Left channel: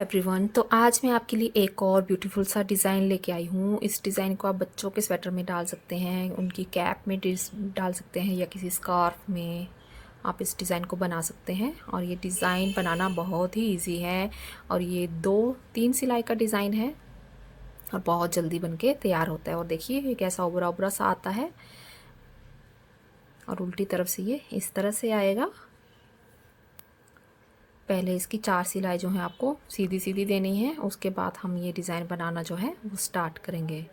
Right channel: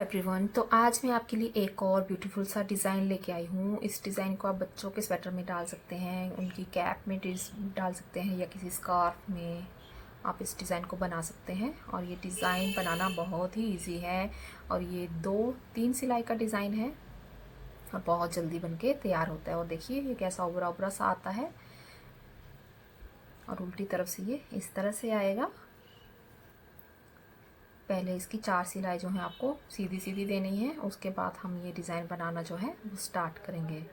Everyone, तो आज मैं आपके लिए एक और ब्यूटीफुल सा डिज़ाइन लेके आई हूँ। इस डिज़ाइन को आप बच्चों के स्वेटर में डाल सकते हैं, उनकी कैप में डाल सकते हैं या किसी स्कार्फ में आप इस डिज़ाइन को बना सकते हैं। और ये डिज़ाइन बनाना बहुत ही इजी है और ये 2-3 सिलाई का डिज़ाइन है और बहुत जल्दी बनके तैयार होता है। और देखिए ये कैसा उभरा उभरा सा आता है और उल्टी तरफ से ये इस तरह से आएगा। पहले इसकी 4 सिलाई जो है आपको सीधी सीधी देनी है, उसके बाद हम ये डिज़ाइन बनाना जो है वो स्टार्ट करेंगे।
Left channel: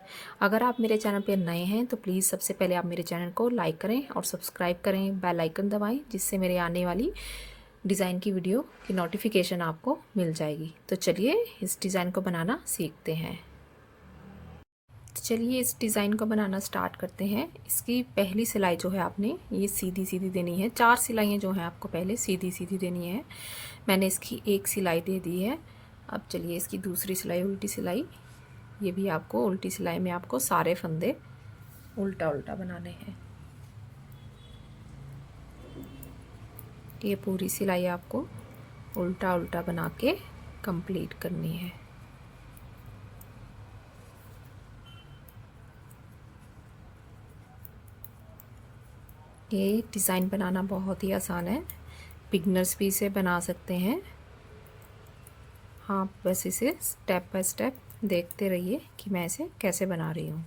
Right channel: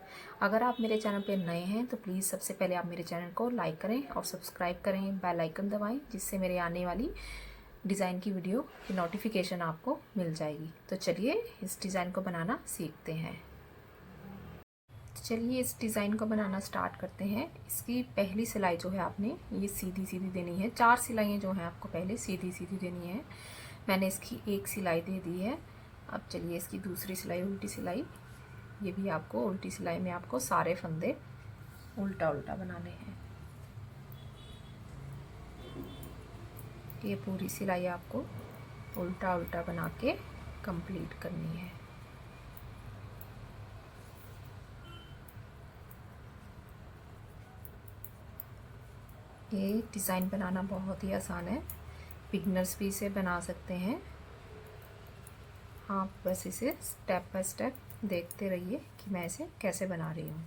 अगर आप मेरे चैनल पे नए हैं तो प्लीज़ सबसे पहले आप मेरे चैनल को लाइक करें और सब्सक्राइब करें, बेल आइकन दबाएं, जिससे मेरे आने वाली डिज़ाइन की वीडियो की नोटिफिकेशन आपको मिल जाएगी। तो चलिए इस डिज़ाइन को बनाना सीखते हैं। तो चलिए इस डिज़ाइन को बनाना स्टार्ट करते हैं। इसकी पहली सिलाई जो है आपने ये सीधी सीधी देनी है। 4 सिलाइयाँ जो हैं आपको पहले सीधी सीधी देनी है। मैंने इसकी एक सिलाई दे दी है। अब चलिए इसकी दूसरी सिलाई, उल्टी सिलाई, ये भी आपको उल्टी सिलाई में आपको सारे फंदे उल्टा उल्टा बनाने हैं। ये पूरी सिलाई आपको उल्टा उल्टा बना के कंप्लीट करनी है। ये डिज़ाइन बनाना बहुत ही आसान है, बिगनर्स भी इसे बना सकते हैं। हाँ, बस इसे स्टेप बाय स्टेप देखते रहिए कि मैं इसे कैसे बना रही हूँ।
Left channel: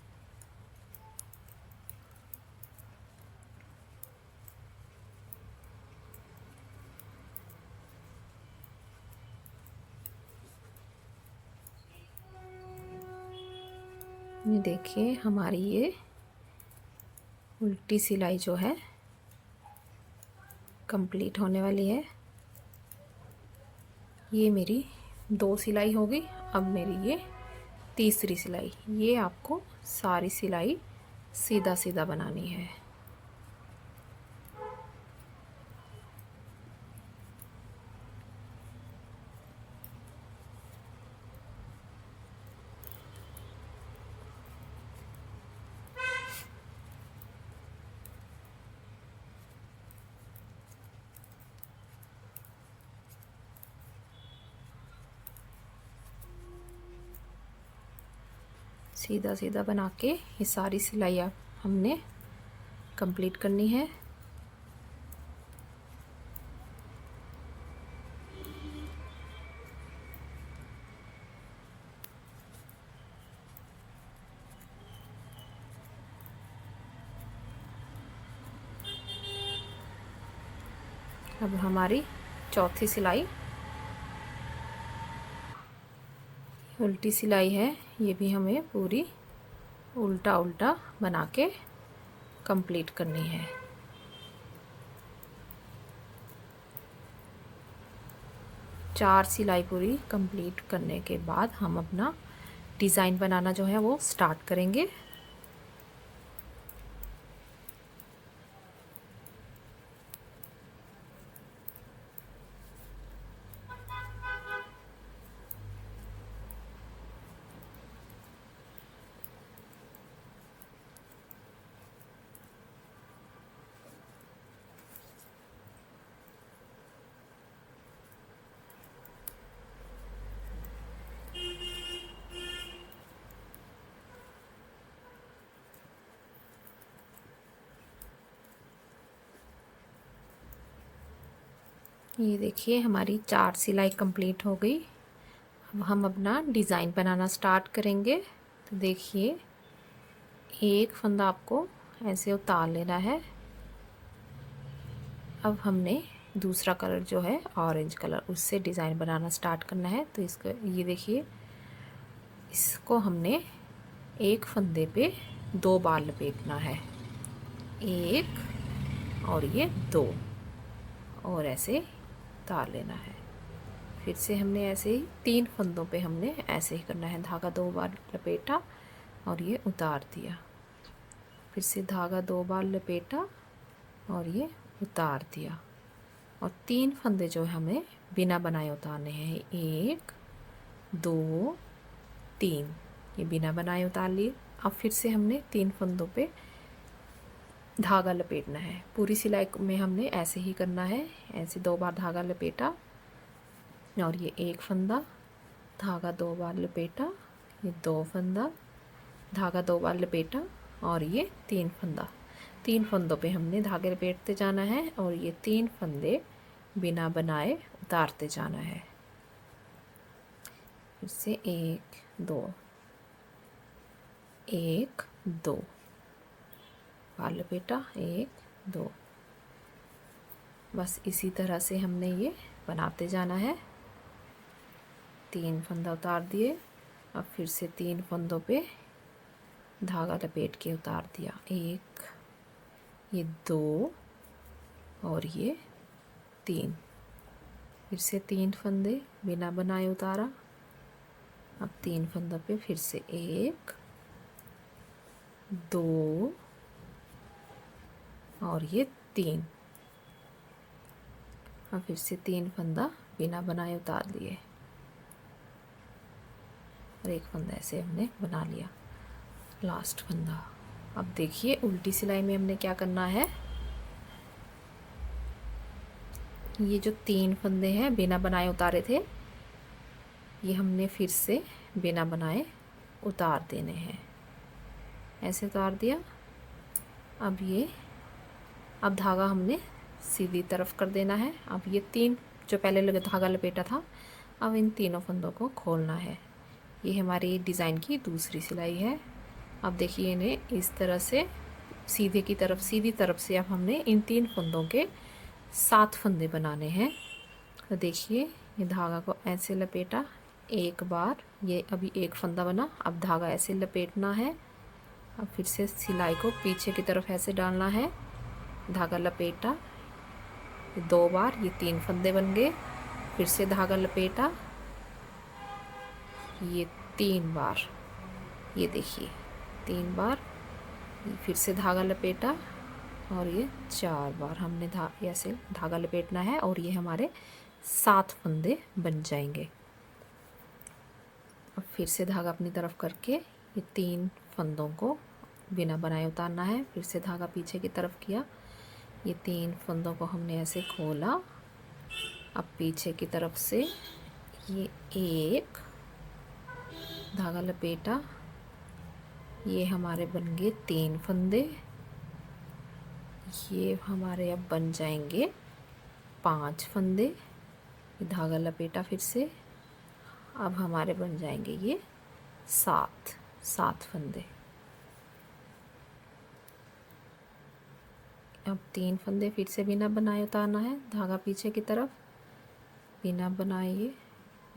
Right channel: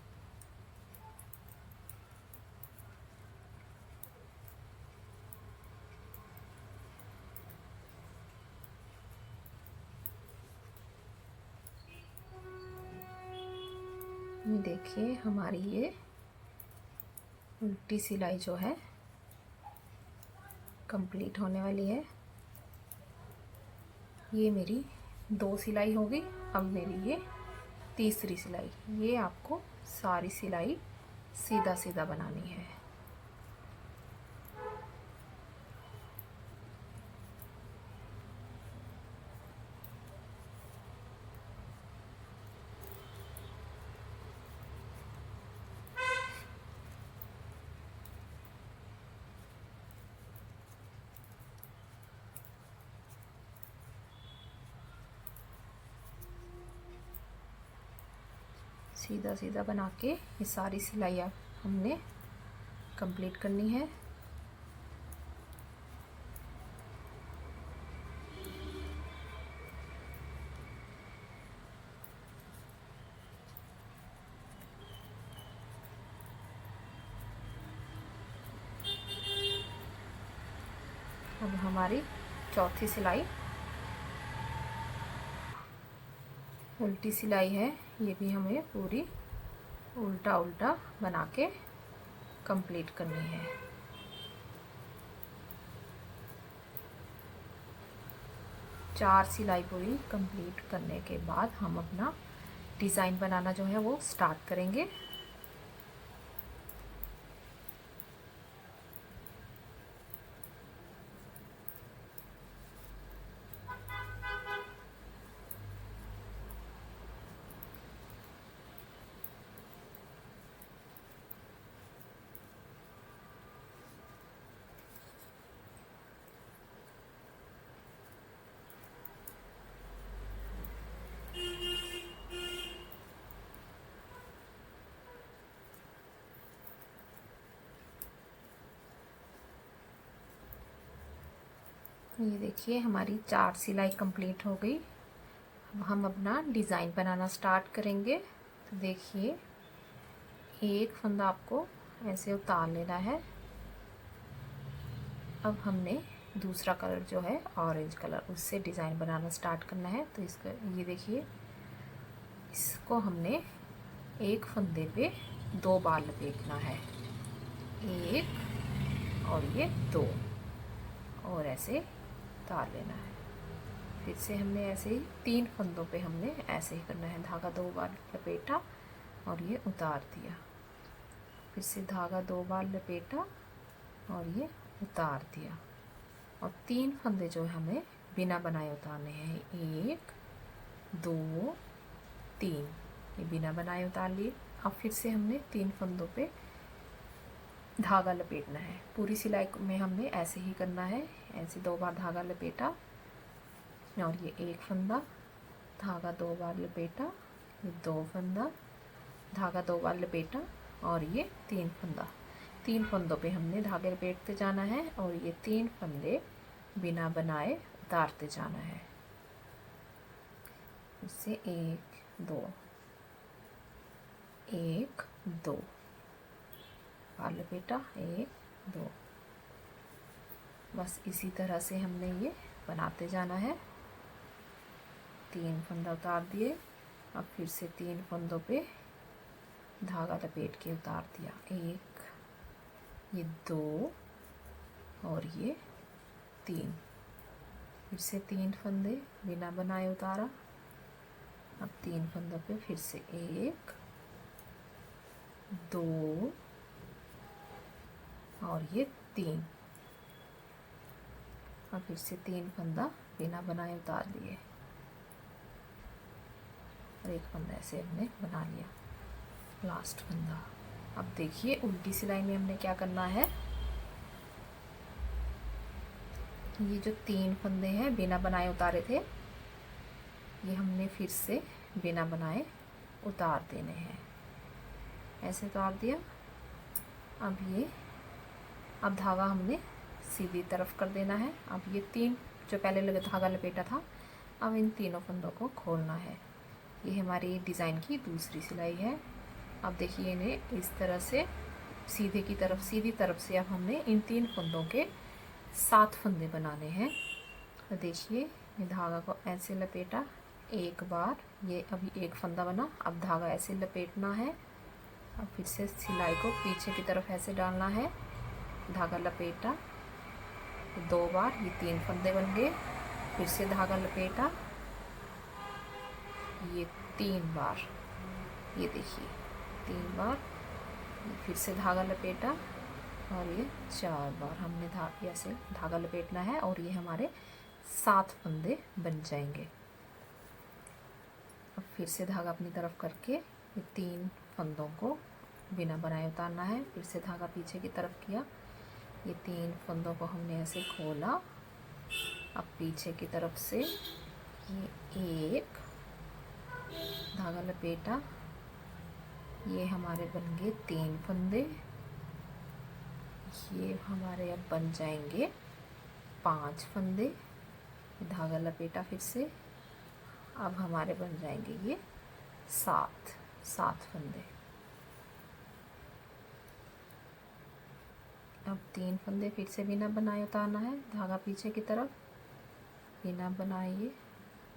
ये देखिए हमारी ये उल्टी सिलाई जो है कंप्लीट होने वाली है। ये मेरी 2 सिलाई हो गई। अब मेरी ये तीसरी सिलाई, ये आपको सारी सिलाई सीधा सीधा बनानी है। सीधा सीधा बना के ये सारी सिलाई आप हमने कंप्लीट करनी है। अब हमारी चौथी सिलाई उल्टी सिलाई है, ये भी हमें पूरी उल्टा उल्टा बना के कंप्लीट करनी है। चार सिलाई पूरी कंप्लीट करने के बाद हम अपना डिज़ाइन बनाना जो है वो स्टार्ट करेंगे। ये देखिए हमारी 4 सिलाई कंप्लीट हो गई। अब हम अपना डिज़ाइन बनाना स्टार्ट करेंगे। तो देखिए एक फंदा आपको ऐसे उतार लेना है। अब हमने दूसरा कलर जो है ऑरेंज कलर, उससे डिज़ाइन बनाना स्टार्ट करना है। तो इसका ये देखिए, इसको हमने एक फंदे पे 2 बार लपेटना है, एक और ये 2, और ऐसे उतार लेना है। फिर से हमने ऐसे ही 3 फंदों पे हमने ऐसे ही करना है। धागा 2 बार लपेटा और ये उतार दिया, फिर से धागा 2 बार लपेटा और ये उतार दिया, और 3 फंदे जो हमें बिना बनाए उतारने हैं, 1 2 3, ये बिना बनाए उतार लिए। अब फिर से हमने 3 फंदों पे धागा लपेटना है। पूरी सिलाई में हमने ऐसे ही करना है, ऐसे 2 बार धागा लपेटा और ये एक फंदा धागा 2 बार लपेटा, ये 2 फंदा, धागा 2 बार लपेटा और ये 3 फंदा। 3 फंदों पे हमने धागे लपेटते जाना है और ये 3 फंदे बिना बनाए उतारते जाना है। इससे 1 2 1 2 बार लपेटा, 1 2। बस इसी तरह से हमने ये बनाते जाना है। 3 फंदा उतार दिए, अब फिर से 3 फंदों पे धागा लपेट के उतार दिया, 1 ये 2 और ये 3। फिर से 3 फंदे बिना बनाए उतारा। अब 3 फंदों पे फिर से 1 2 और ये 3। अब फिर से 3 फंदा बिना बनाए उतार लिए और 1 फंदा ऐसे हमने बना लिया, लास्ट फंदा। अब देखिए उल्टी सिलाई में हमने क्या करना है, ये जो 3 फंदे हैं बिना बनाए उतारे थे, ये हमने फिर से बिना बनाए उतार देने हैं। ऐसे उतार दिया। अब धागा हमने सीधी तरफ कर देना है। अब ये 3 जो पहले धागा लपेटा था, अब इन तीनों फंदों को खोलना है। ये हमारी डिज़ाइन की दूसरी सिलाई है। अब देखिए इन्हें इस तरह से सीधी तरफ से अब हमने इन 3 फंदों के 7 फंदे बनाने हैं। तो देखिए ये धागा को ऐसे लपेटा, एक बार, ये अभी 1 फंदा बना। अब धागा ऐसे लपेटना है। अब फिर से सिलाई को पीछे की तरफ ऐसे डालना है, धागा लपेटा 2 बार, ये 3 फंदे बन गए। फिर से धागा लपेटा, ये 3 बार, ये देखिए 3 बार। फिर से धागा लपेटा और ये 4 बार हमने ऐसे धागा लपेटना है और ये हमारे 7 फंदे बन जाएंगे। अब फिर से धागा अपनी तरफ करके ये 3 फंदों को बिना बनाए उतारना है। फिर से धागा पीछे की तरफ किया, ये 3 फंदों को हमने ऐसे खोला। अब पीछे की तरफ से ये 1 धागा लपेटा, ये हमारे बन गए 3 फंदे। ये हमारे अब बन जाएंगे 5 फंदे। धागा लपेटा फिर से, अब हमारे बन जाएंगे ये 7 फंदे। अब 3 फंदे फिर से बिना बनाए उतारना है, धागा पीछे की तरफ बिना बनाए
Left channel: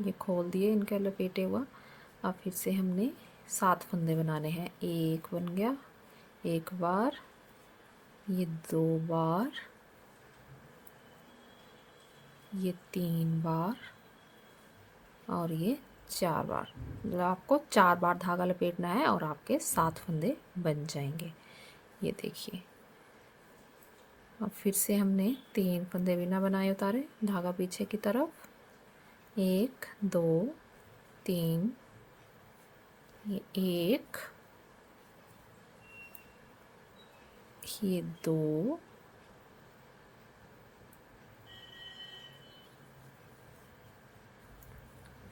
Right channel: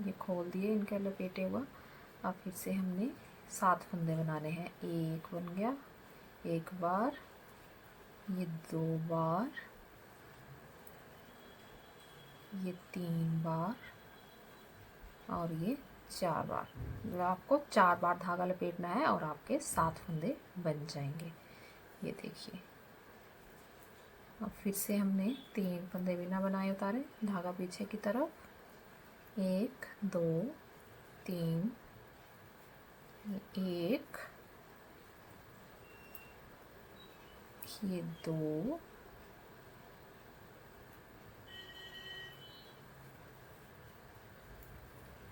ये खोल दिए इनका लपेटे हुआ। अब फिर से हमने 7 फंदे बनाने हैं। 1 बन गया, 1 बार, ये 2 बार, ये 3 बार और ये 4 बार। मतलब आपको 4 बार धागा लपेटना है और आपके 7 फंदे बन जाएंगे। ये देखिए अब फिर से हमने 3 फंदे बिना बनाए उतारे, धागा पीछे की तरफ, 1 2 3, ये 1, ये 2,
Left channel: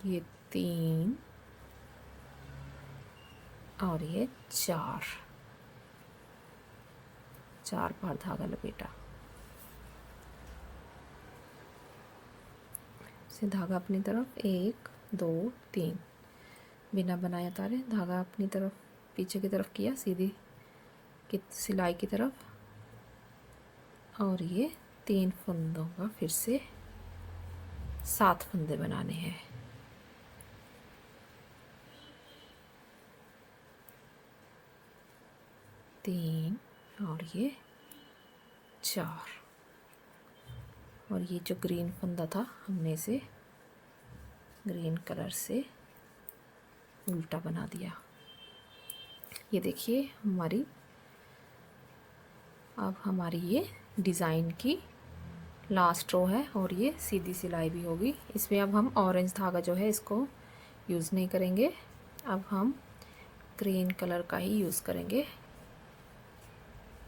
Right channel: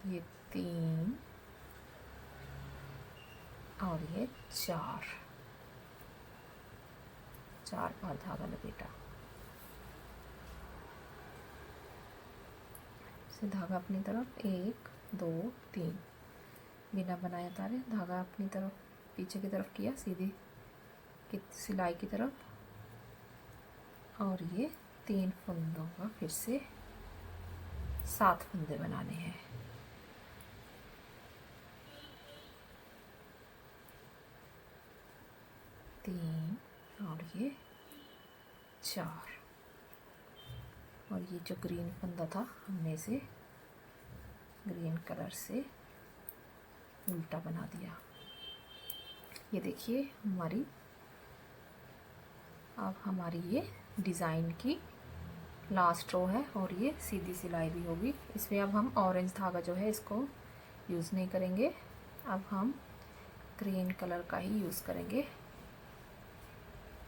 ये 3 और ये 4 बार धागा लपेटा। से धागा अपनी तरफ, 1 2 3 बिना बनाए उतारे, धागा अपनी तरफ पीछे की तरफ किया, सीधी की सिलाई की तरफ, और ये 3 फंदों का फिर से 7 फंदे बनाने हैं। तीन और ये 4, और ये जो ग्रीन फंदा था हमने इसे ग्रीन कलर से उल्टा बना दिया। ये देखिए अब हमारी ये डिज़ाइन की लास्ट रो है और ये सीधी सिलाई भी होगी। इसमें अब हम ऑरेंज धागा जो है इसको यूज़ नहीं करेंगे, अब हम ग्रीन कलर का ही यूज़ करेंगे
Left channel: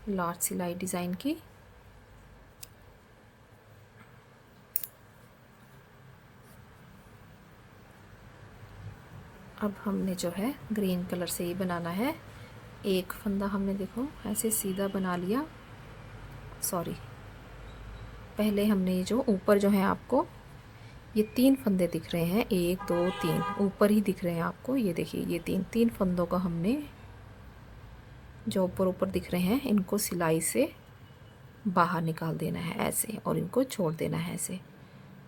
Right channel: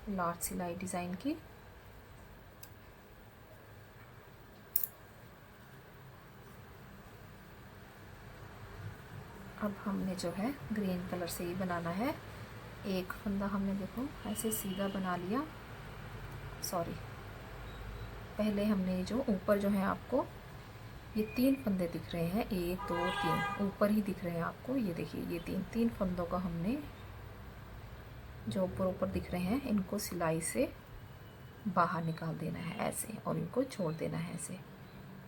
लास्ट सिलाई डिज़ाइन की। अब हमने जो है ग्रीन कलर से ही बनाना है। एक फंदा हमने देखो ऐसे सीधा बना लिया। सॉरी, पहले हमने जो ऊपर जो है आपको ये 3 फंदे दिख रहे हैं, 1 2 3 ऊपर ही दिख रहे हैं आपको। ये देखिए ये तीन फंदों का हमने जो ऊपर दिख रहे हैं इनको सिलाई से बाहर निकाल देना है ऐसे, और इनको छोड़ देना है ऐसे।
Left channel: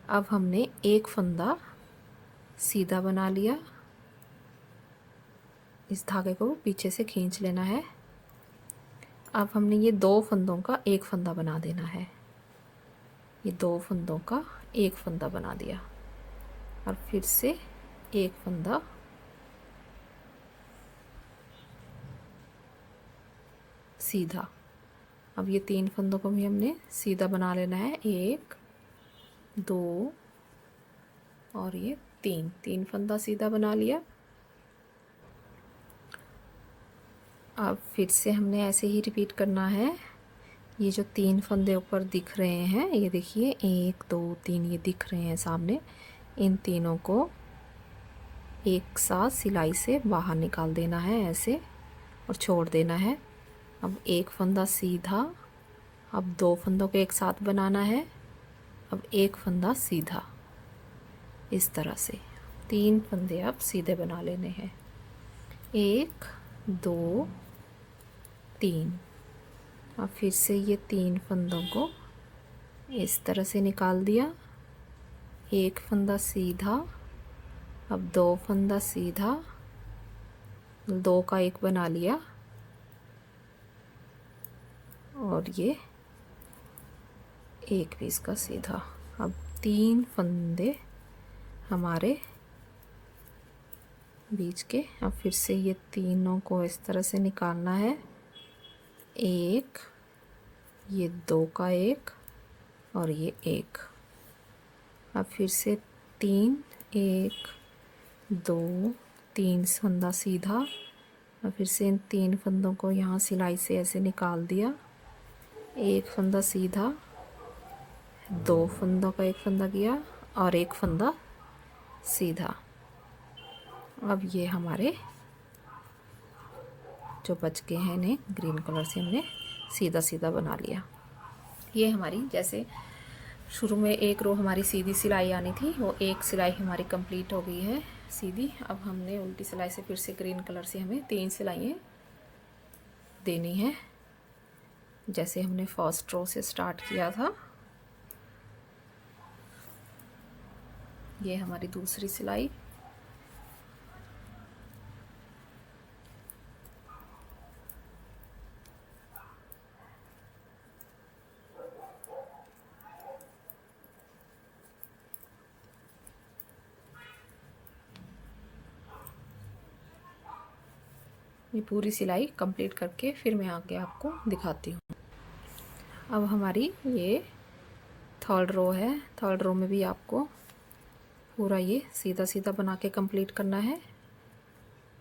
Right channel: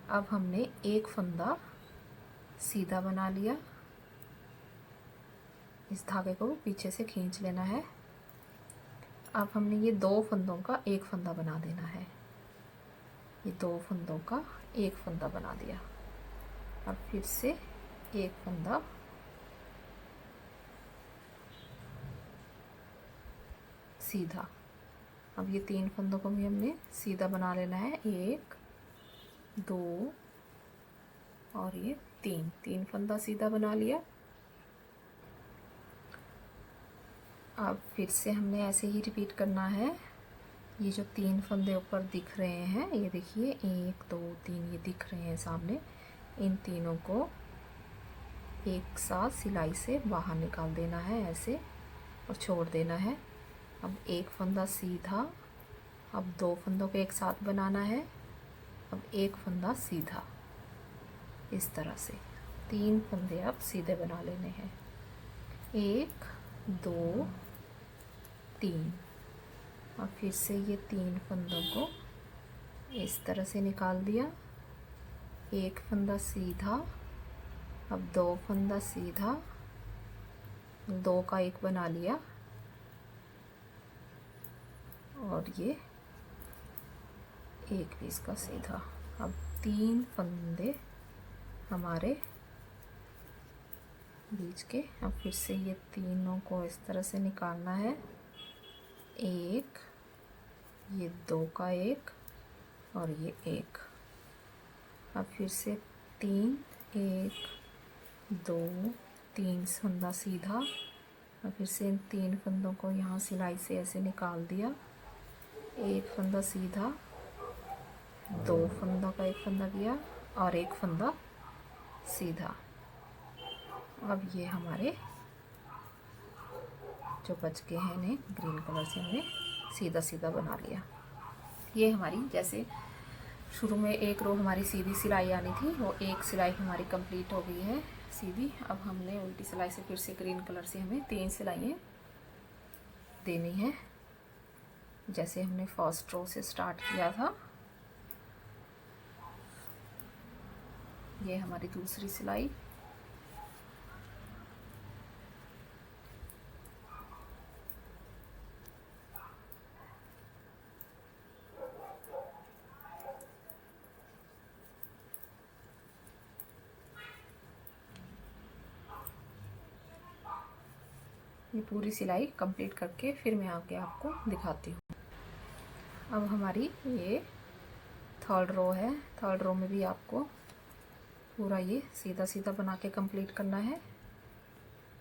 अब हमने एक फंदा सीधा बना लिया, इस धागे को पीछे से खींच लेना है। अब हमने ये 2 फंदों का एक फंदा बना देना है। ये 2 फंदों का एक फंदा बना दिया और फिर से एक फंदा सीधा। अब ये 3 फंदों को भी हमने सीधा बना लेना है, 1 2 और ये 3 फंदा सीधा बना लिया। अब फिर से हमने ऐसे ही रिपीट करना है। ये जो 3 फंदे ऊपर दिख रहे हैं, ये देखिए 1 2 3 ये दिख रहे हैं सामने, इन तीनों को एक साथ सिलाई से बाहर निकाल देना है ऐसे और छोड़ देना है। अब एक फंदा सीधा, अब 2 फंदों को एक साथ बनाना है, अब एक फंदा सीधा। इस तरह से 3 फंदे अब सीधे बना लेने हैं, 1 2 3। अब फिर से ये 3 फंदों को इस तरह से निकाल दिया, एक फंदा सीधा, अब 2 फंदा सीधा, 2 का एक बना लिया और ये एक पीस का सीधा। अब 3 फंदे हमारे बीच के। अब फिर से ये तीनों को इस तरह से निकालना है, एक, ये 2 का एक और ये एक। अब फिर से 3 1 2 3 फंदा सीधा। अब फिर से इन 3 फंदों को यहाँ सिलाई से ऐसे निकाल दिया, एक फंदा सीधा, 2 फंदों का एक फंदा किया और एक फंदा सीधा। अब ये हमारे जो बच गए हैं इन्हें ग्रीन कलर से हमने सीधा सीधा बना लिया। ये हमारी जैसे शुरू में एक रो हमारी सीधी सिलाई आनी थी, वो एक सिलाई हमारी कंप्लीट हो गई है सीधी। अब हमने उल्टी सिलाई से फिर से ग्रीन कलर से हमें 3 सिलाइयाँ देनी है, जैसे हमने फर्स्ट रो से स्टार्ट किया था। ये हमारी दूसरी सिलाई, ये पूरी सिलाई कंप्लीट करके फिर मैं आगे आपको दिखाती हूँ। अब हमारी ये थर्ड रो है, थर्ड रो में भी आपको पूरा ये सीधा सीधा बना के कंप्लीट करना है।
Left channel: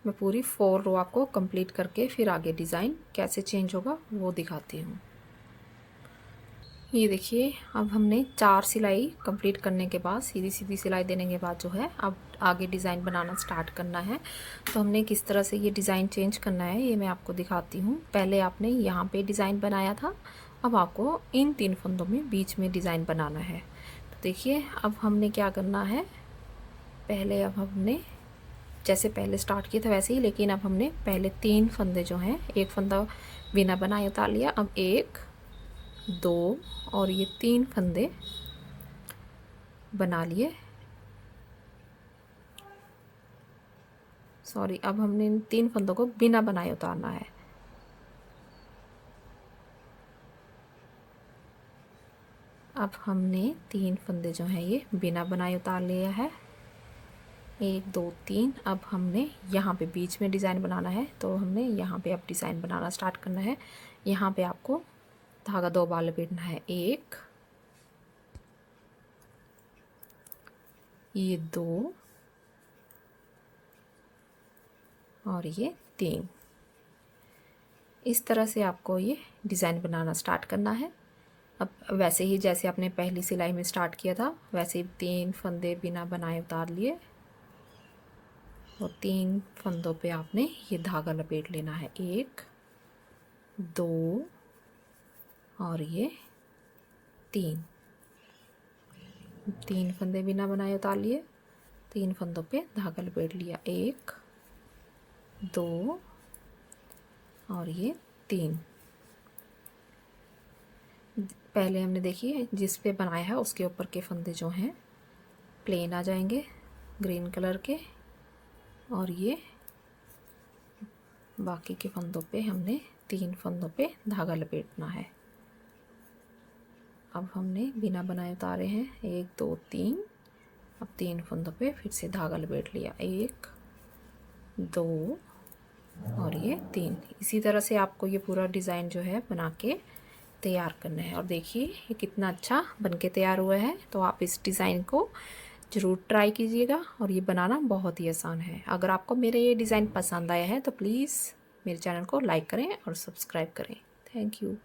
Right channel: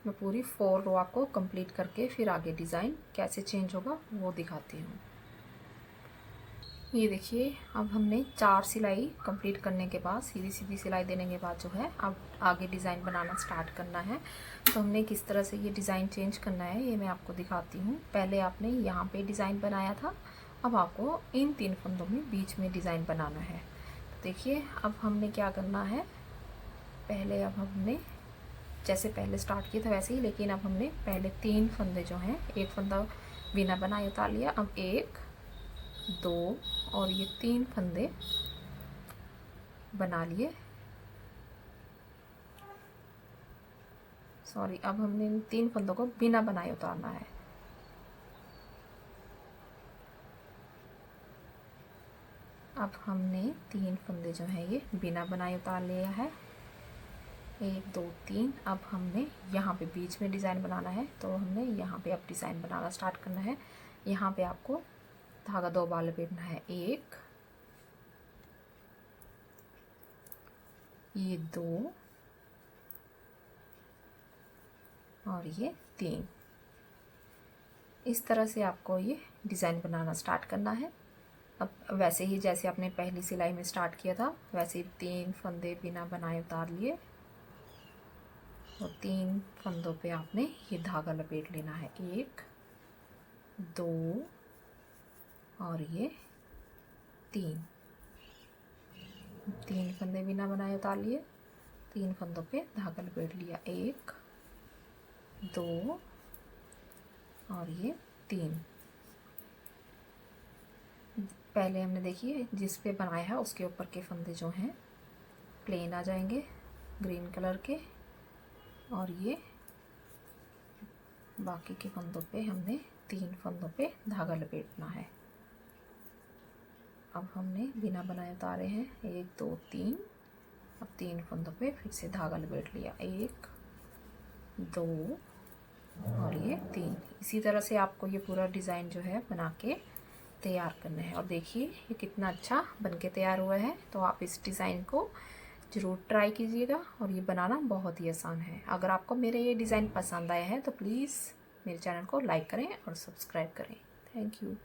मैं पूरी 4 रो आपको कंप्लीट करके फिर आगे डिज़ाइन कैसे चेंज होगा वो दिखाती हूँ। ये देखिए अब हमने 4 सिलाई कंप्लीट करने के बाद, सीधी सीधी सिलाई देने के बाद जो है अब आगे डिज़ाइन बनाना स्टार्ट करना है। तो हमने किस तरह से ये डिज़ाइन चेंज करना है ये मैं आपको दिखाती हूँ। पहले आपने यहाँ पे डिज़ाइन बनाया था, अब आपको इन 3 फंदों में बीच में डिज़ाइन बनाना है। तो देखिए अब हमने क्या करना है, पहले अब हमने जैसे पहले स्टार्ट किया था वैसे ही, लेकिन अब हमने पहले 3 फंदे जो हैं, एक फंदा बिना बनाए उतार लिया, अब 1 2 और ये 3 फंदे बना लिए। सॉरी, अब हमने इन 3 फंदों को बिना बनाए उतारना है। अब हमने 3 फंदे जो हैं ये बिना बनाए उतार लिया है, 1 2 3। अब हमने यहाँ पे बीच में डिज़ाइन बनाना है, तो हमने यहाँ पे अब डिज़ाइन बनाना स्टार्ट करना है। यहाँ पे आपको धागा 2 बार लपेटना है, 1 ये 2 और ये 3। इस तरह से आपको ये डिज़ाइन बनाना स्टार्ट करना है। अब वैसे ही जैसे आपने पहली सिलाई में स्टार्ट किया था वैसे ही 3 फंदे बिना बनाए उतार लिए, और 3 फंदों पे आपने ये धागा लपेट लेना है। 1 2 और ये 3 फंदे बिना बनाए उतार लिए। 3 फंदों पे धागा लपेट लिया। 1 2 और ये 3। पहले हमने देखिए जिस पे बनाया है उसके ऊपर के फंदे जो हैं प्लेन आ जाएंगे ग्रीन कलर के, और ये बाकी के फंदों पे हमने 3 फंदों पे धागा लपेटना है। अब हमने बिना बनाए उतारे हैं 1 2 3। अब 3 फंदों पे फिर से धागा लपेट लिया। 1 2 और ये 3। इसी तरह से आपको ये पूरा डिज़ाइन जो है बना के तैयार करना है। और देखिए ये कितना अच्छा बनके तैयार हुआ है। तो आप इस डिज़ाइन को ज़रूर ट्राई कीजिएगा, और ये बनाना बहुत ही आसान है। अगर आपको मेरे ये डिज़ाइन पसंद आया है तो प्लीज़ मेरे चैनल को लाइक करें और सब्सक्राइब करें। Thank you.